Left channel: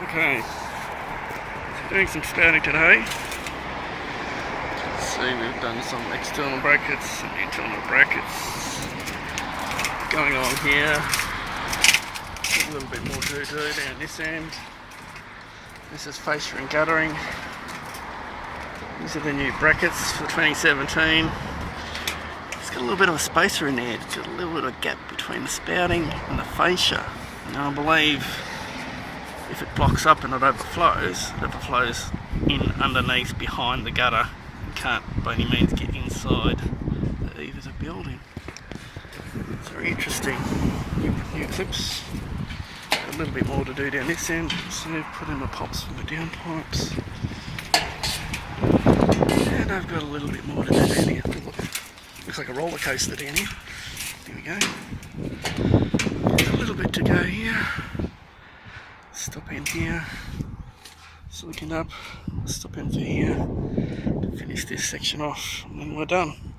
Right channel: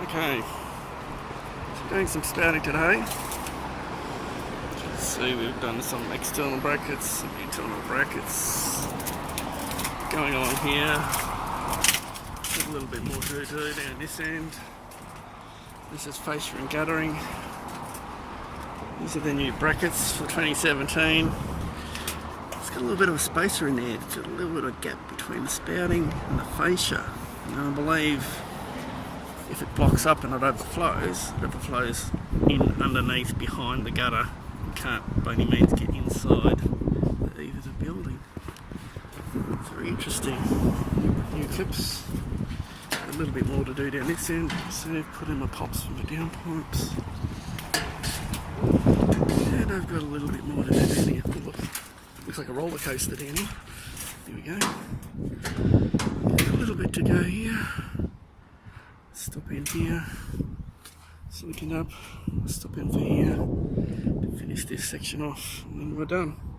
Okay, doing some spouting today. See, we've done some external brackets, some internal brackets going on here. A little bit more to do down this end. This is fascia and guttering. These are the new brackets for 2017. It's got a little bit of a spacer in there. It's got a little bit of a gap between the spouting and the fascia. Now I believe if it blocks up and it overflows in underneath behind the gutter. You can't by any means get inside the eave of the building. It's very interesting. New clips. A little bit more to do down this end. So I've put in my pops for my downpipes. And I've got a little bit more to do down here. Look, looks like a roller coaster down here. There we go. A little bit to go here. Stop in here. Silicon up. Stop in for here to finish this section off, and then we're done.